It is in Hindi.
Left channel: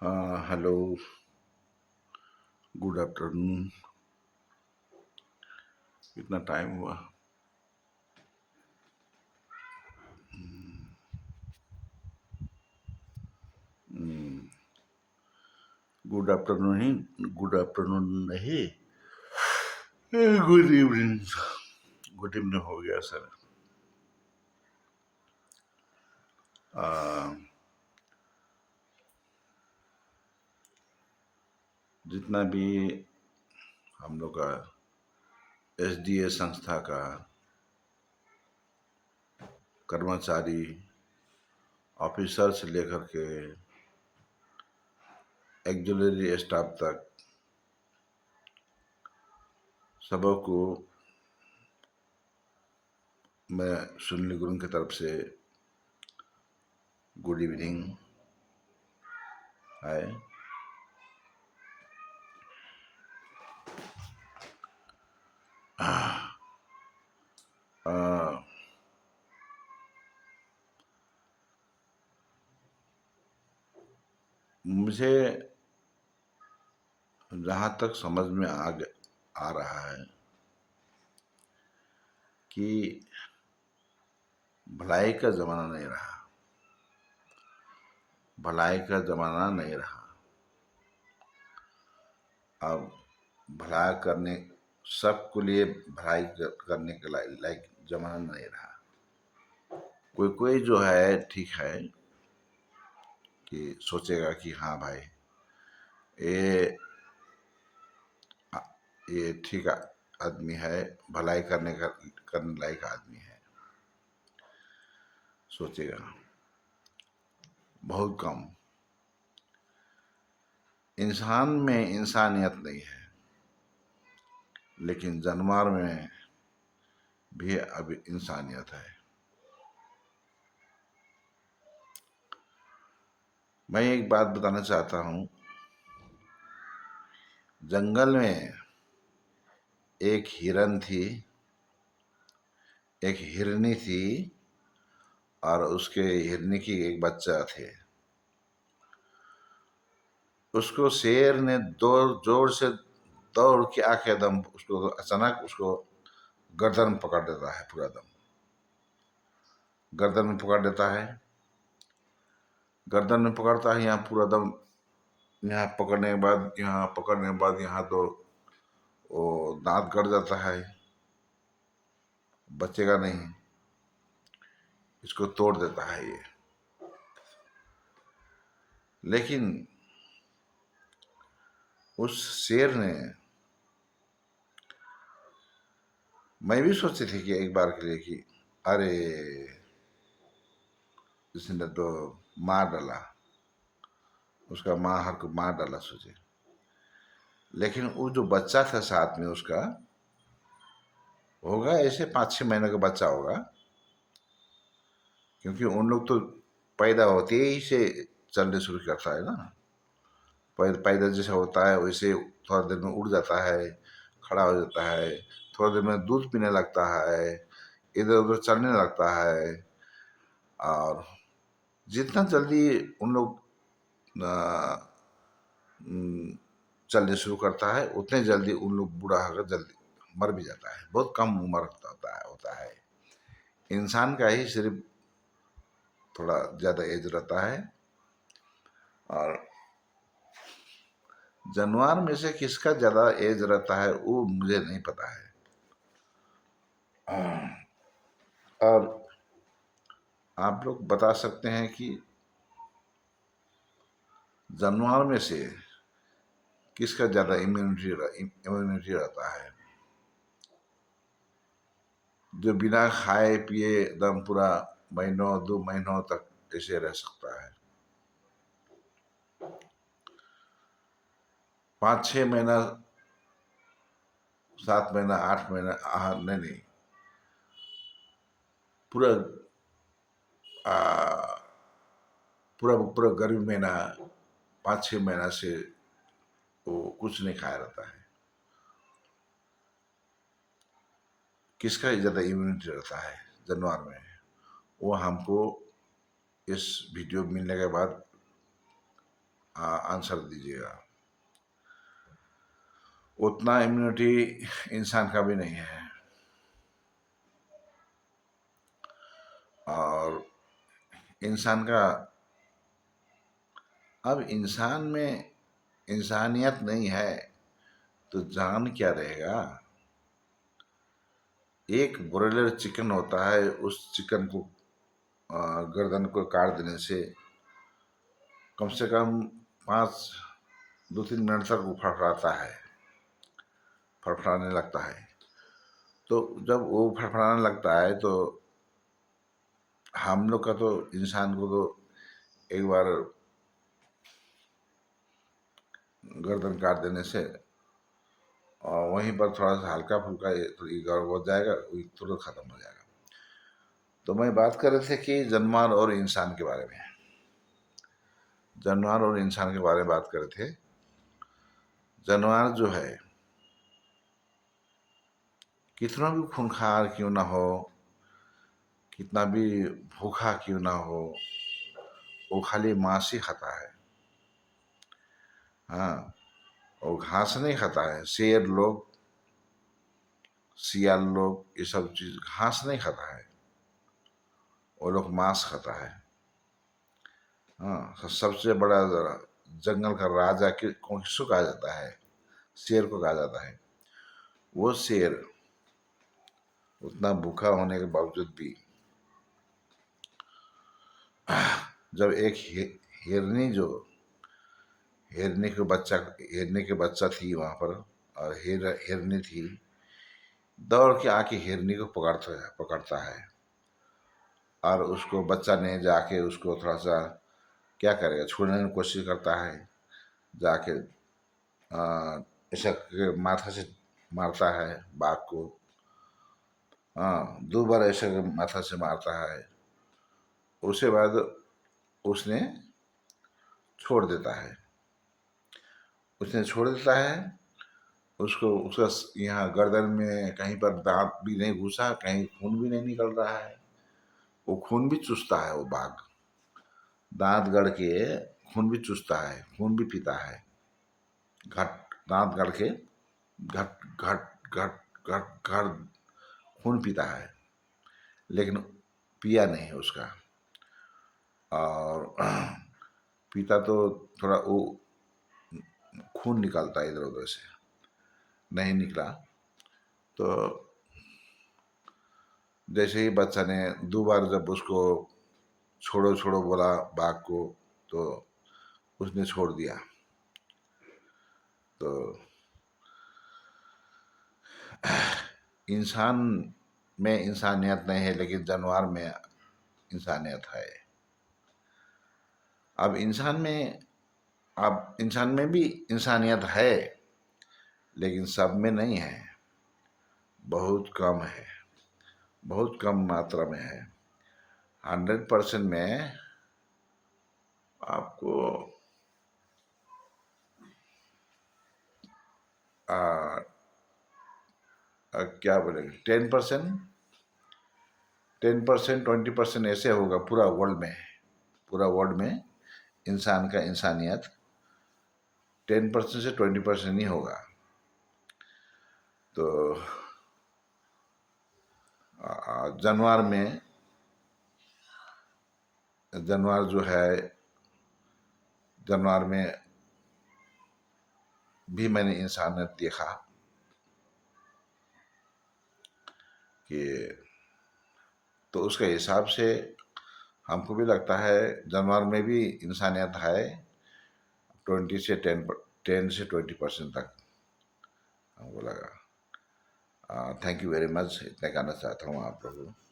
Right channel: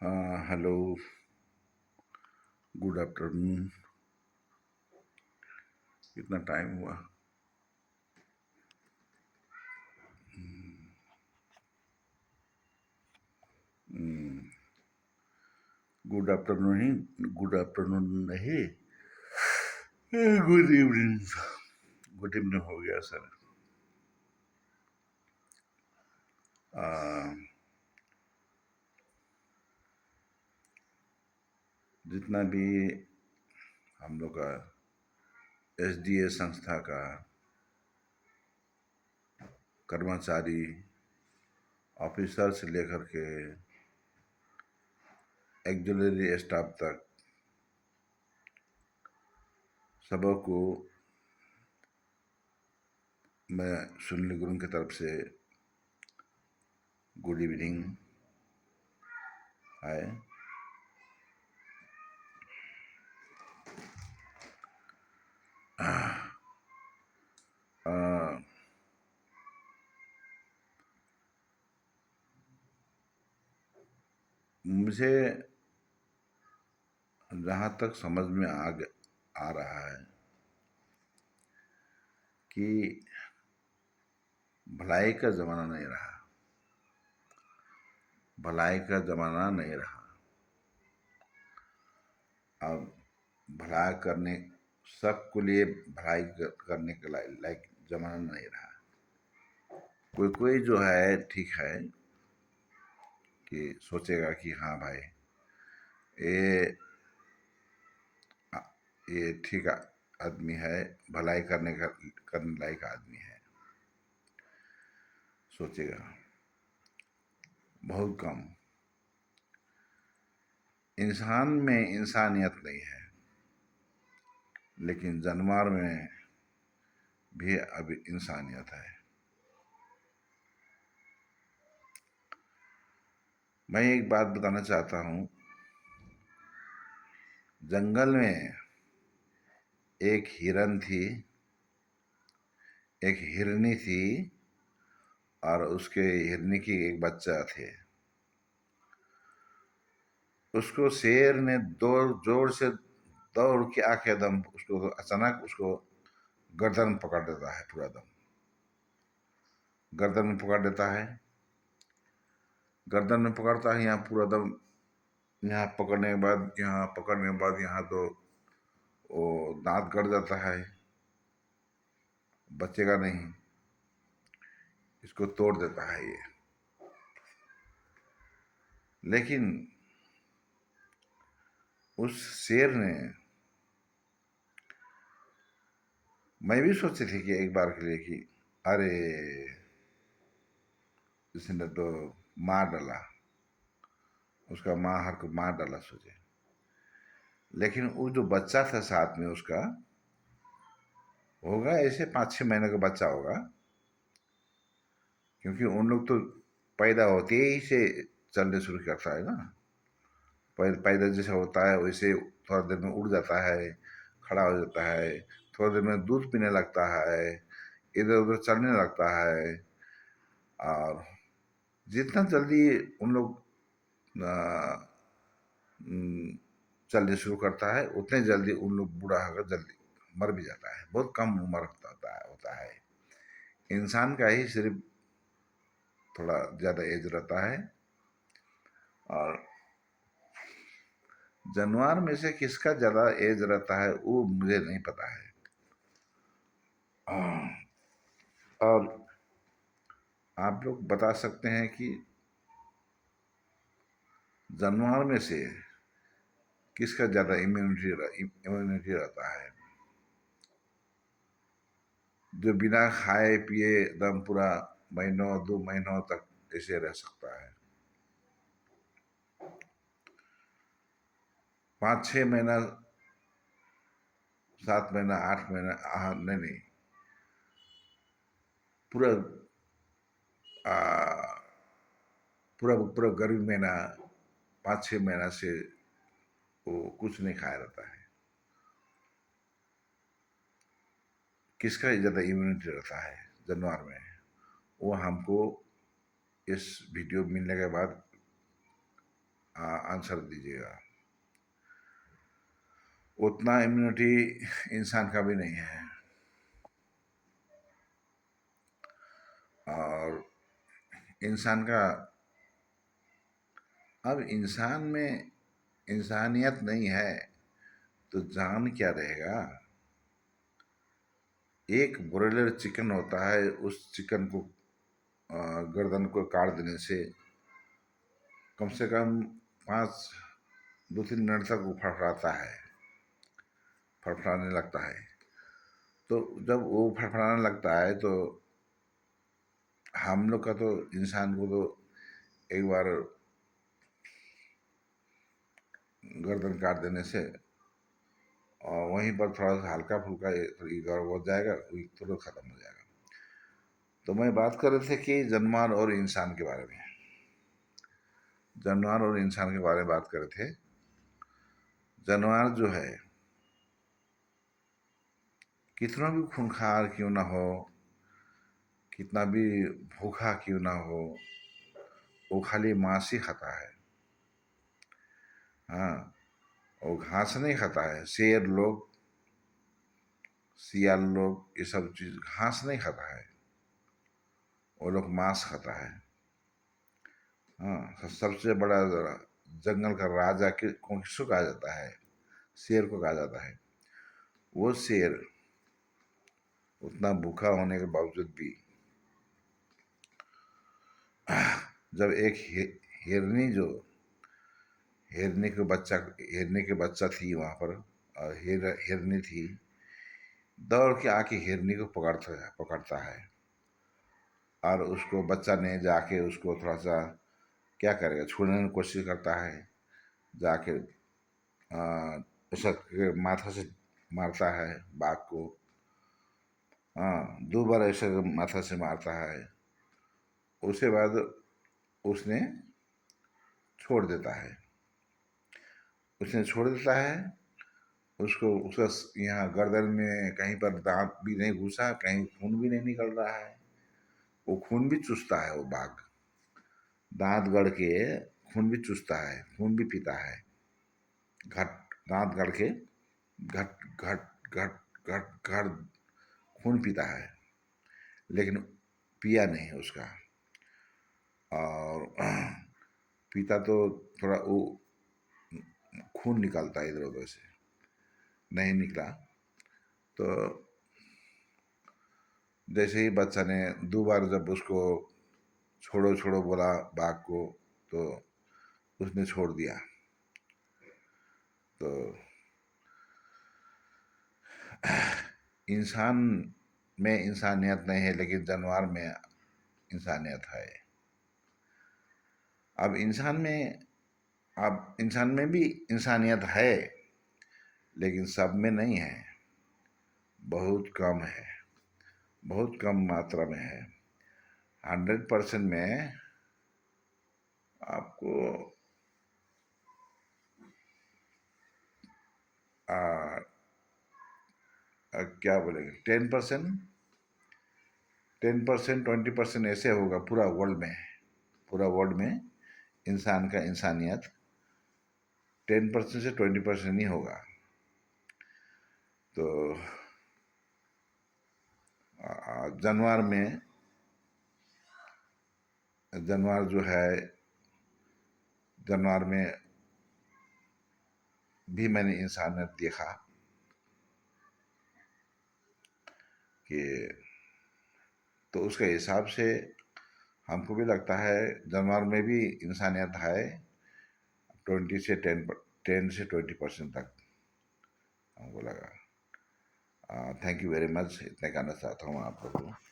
हाँ, हेलो, गुड आफ्टरनून। कितना टाइम हुआ? गुड आफ्टरनून ही, गुड आफ्टरनून नहीं, गुड इवनिंग। गुड इवनिंग हो गया सर। आ, जितना भी हम लोग का एसडीए संस्था का कर्मचारी, ऑफिसर से लेकर के एक्जुलरी स्टाफ तक सबको मैं सुनील गुरुंग की तरफ से गुड इवनिंग है। आ, मुझे जहाँ तक समझ में आ रहा है कि भलाई का ज़माना नहीं रहा, भलाई का ज़माना नहीं रहा। अब भलाई करने सबके लिए भलाई करने के लायक ज़माना नहीं रहा। कोई कोई जो है ठीक है कि सोचेगा कि हाँ भाई ये ये ठीक आदमी है, भलाई करने लायक आदमी है, सोचेगा। बहुत कम। इंसान में इंसानियत नहीं है, लेकिन जानवर में भी अभी इंसानियत है। मैं एक बात बताना चाहता हूँ। जंगल में एक हिरन थी, एक हिरनी थी, और उसके हिरनी की एक बच्चा थे। उसको शेर ने जोर से दौड़ के आके दम उसको अचानक उसको गर्दन में पकड़ देता है। पूरा दम गर्दन में पकड़ देता है। गर्दन में पकड़ता है, यहाँ पूरा दम, यहाँ पकड़ने के बाद, यहाँ पकड़ने के बाद यहाँ तो वो दांत गड़ जाता है, बचेगा नहीं, इसको तोड़ देता है ये। लेकिन उस शेर ने, मैं भी सोची थी कि एक बार के लिए कि अरे इसने तो मार डाला, उसका मार को मार डाला सोचे। लेकिन वो जो बच्चा था साथ में उसका, होगा ऐसे 5-6 महीने का बच्चा होगा, क्योंकि उन लोग तो पैदा होते ही से चलने शुरू करता है ना। पैदा जैसे होता है वैसे थोड़ा देर में उड़ जाता है, खड़ा हो जाता है, थोड़ा देर में दूध पीने लगता है, इधर उधर चलने लगता है। और जितना जल्दी उन लोग चलने शुरू करता है, उतने जल्दी उन लोग बूढ़ा होकर जल्दी मर भी जाता है। बहुत कम उम्र होता है। इंसान का ही सिर्फ थोड़ा ज़्यादा एज रहता है, और जानवर में से किसका ज़्यादा एज रहता है वो मुझे नहीं पता है। और आप लोग बता सकते हैं कि जानवर में से किसका ज़्यादा इम्यूनिटी रहता है, जो बिना खाए पिए एकदम पूरा महीनों 2 महीनों तक ऐसे रह सकता है। 5-6 महीना, 7 महीना, 8 महीना, नहीं नहीं, पूरा पूरा पूरा गर्मी महीना 5-6 महीना से वो कुछ नहीं खाया रहता है। किसका ज़्यादा इम्यूनिटी रहता है जानवर में, वो हमको इस वीडियो मिलने के बाद आंसर दीजिएगा। उतना इम्यूनिटी इंसान का भी नहीं है। और इंसान का, अब इंसान में इंसानियत नहीं है तो जान क्या रहेगा। एक ब्रॉयलर चिकन होता है, उस चिकन को गर्दन को काट देने से कम 2-3 मिनट तक वो फड़फड़ाता है, फड़फड़ाने लगता है। तो जब वो फड़फड़ाने लगता है तो हम लोग का तो, इंसान को तो एक बार गर्दन काट देने से और वहीं पर थोड़ा सा हल्का फुल्का गौर हो जाएगा, तुरंत खत्म हो जाएगा। तो मैं बात कर रहे थे कि जानवर और इंसान के बारे में, जानवर और इंसान के बारे में बात कर रहे थे। जानवर जो है कितना भी खूंखार क्यों ना हो, कितना भी भूखा क्यों ना हो, वो खाली मांस ही खाता है। हाँ, वो घास नहीं खाता है। शेर लोग, सियाल लोग, ये सब चीज घास नहीं खाता है, वो लोग मांस खाता है। हाँ, सबसे बड़ा जंगल का राजा किसको कहा जाता है? शेर को कहा जाता है। वो शेर उतना भूखा होने के बावजूद भी, जब एक हिरनी जो हिरनी के बच्चा थी वहां पर, और हिरनी थी, दौड़ के आके हिरनी को पकड़ता है। और उसको बच्चा ने जाके उसको थोड़ा सा क्या करेगा, छूने की कोशिश करता है, जाके ऐसा माथा से मारता है बाघ को। हाँ, 2 बार ऐसा माथा से मारता है। उसके बाद उसने छोड़ देता है, उसने छोड़ देता है। उसको उसका यहाँ गर्दन में कहीं पर दांत भी नहीं घुसा, कहीं खून भी नहीं निकल रहा है। वो खून भी चूसता है वो बाघ, दांत गड़ के खून भी चूसता है, खून भी पीता है। घट दांत गड़ के घट घट घट घट घट खून पीता है, लेकिन पिया नहीं उसका। और पीता तो थोड़ा वो खून निकालता इधर उधर से, नहीं निकला। तो जैसे ही बच्चा ने 2 बार जब उसको छोड़ो छोड़ो बोला बाघ को, तो उसने छोड़ दिया। तो इंसान में इंसानियत नहीं है, लेकिन जानवर में इंसानियत है। अब इंसान में भी इंसानियत है, लेकिन सब में नहीं है, बहुत कम है, बहुत कम मात्रा में है। 100% में आपको आ, क्या बोले, 10%, 20% ऐसे होगा पूरा वर्ल्ड में। पूरा वर्ल्ड में इंसान का इंसानियत 10% से 20% ही होगा। तो जानवर में, जानवर जो है, जानवर में भी मैंने इंसानियत देखा कि, तो उसके हिसाब से हमको भी लगता है जानवर में भी इंसानियत है। 10 से 20% तक हमको लगा। थैंक यू वेरी मच, इतना कहना चाहता हूँ आप लोगों को।